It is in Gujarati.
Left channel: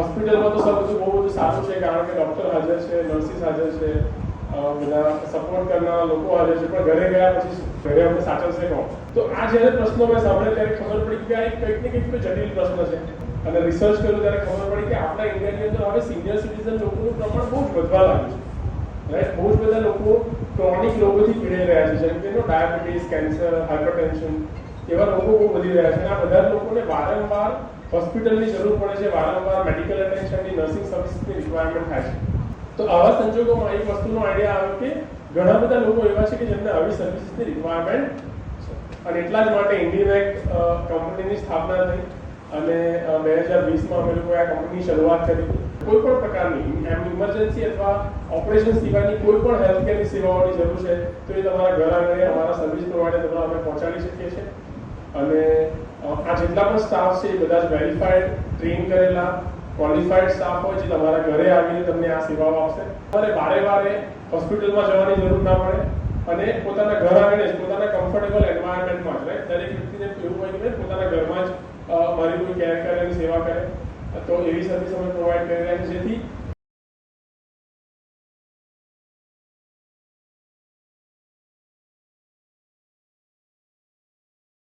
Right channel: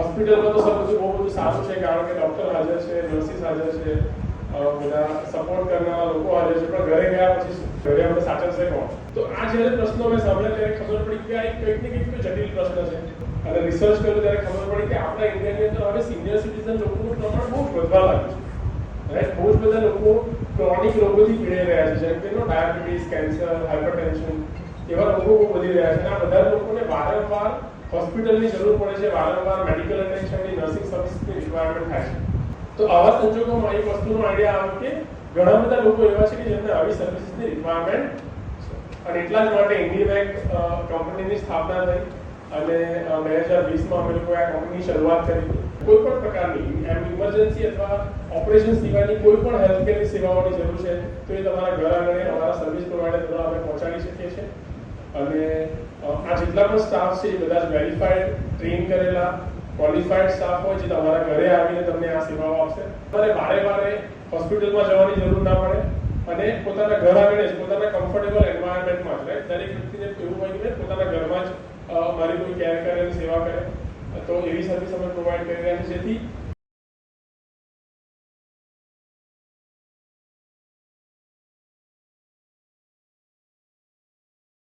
હોસ્પિટલમાં તો સર બહુ બધું સારું છે, કારણ કે ડૉક્ટર હાજર છે, નર્સિસ હાજર છે, બધા સપોર્ટ કરનારા લોકો હાજર છે, પણ ઘરે ગયા પછી ઘરે આપણે સાચવશે કોણ? તો આ જ્યારે પ્રશ્નો મેં સાંભળ્યા ત્યારે ખબર પડી કે આ એક કંઈક ને કંઈક જટિલ પ્રશ્ન છે, અને રિસર્ચ કર્યું ત્યારે ખબર પડી કે આપણા ઇન્ડિયાની અંદર હવે સિનિયર સિટીઝન લોકોનું પ્રમાણ બહુ જ વધવા લાગ્યું છે, રાઈટ? બહુ જ બધા લોકો ક્રોનિક રોગોથી પીડાઈ રહ્યા છે, જેમ કે ડાયાબિટીસ, કેન્સર, હાઇપરટેન્શન, એવા રોગો બહુ વધી રહ્યા છે. આ બધા લોકોને વારંવાર હોસ્પિટલની જરૂર પડે છે, વારંવાર મેડિકલ એટેન્શનની, નર્સિંગ સર્વિસની રિક્વાયરમેન્ટ થાય છે. તો આવા સંજોગોમાં એક વસ્તુનો આઈડિયા આવ્યો કે ઘણા બધા લોકો એવા છે કે જેમને આવી સર્વિસીસની રિક્વાયરમેન્ટ છે, અને એટલા જ માટે ઇન્ડિવેક કંપનીની સ્થાપના થઈ, અને 2020માં અમે લોકોએ આ કંપની શરૂઆત કરી. કોઈ પણ પ્રકારની ઇમરજન્સી અથવા ઓપરેશન સિવાયની કોઈ પણ હેલ્થકેરની સેવાઓની જરૂર છે તો એ તમારા ઘર આંગણે અમારા સર્વિસ પ્રોવાઈડર દ્વારા અમે પહોંચાડી શકીએ છીએ. અને આ જેટલા પણ સ્ટાફ છે એ બધા જ વેરીફાઈડ, ટ્રેન કરેલા, ક્વોલિફાઈડ સ્ટાફ હોય, જે તમારા ઘરે આવીને તમને આ સેવાઓ આપશે. તમારે વારે હોસ્પિટલમાં જવાની જરૂર ના પડે, અને પોતાના ઘર આંગણે જ, પોતાના કમ્ફર્ટેબલ એન્વાયરમેન્ટમાં જ, રાઈટ? દરેક વ્યક્તિને એવું હોય કે પોતાના ઘરમાં જ મારી કોઈ કેર કરે અને સેવા કરે, તો એવી સર્વિસ અમે પ્રોવાઈડ કરી રહ્યા છીએ, જેથી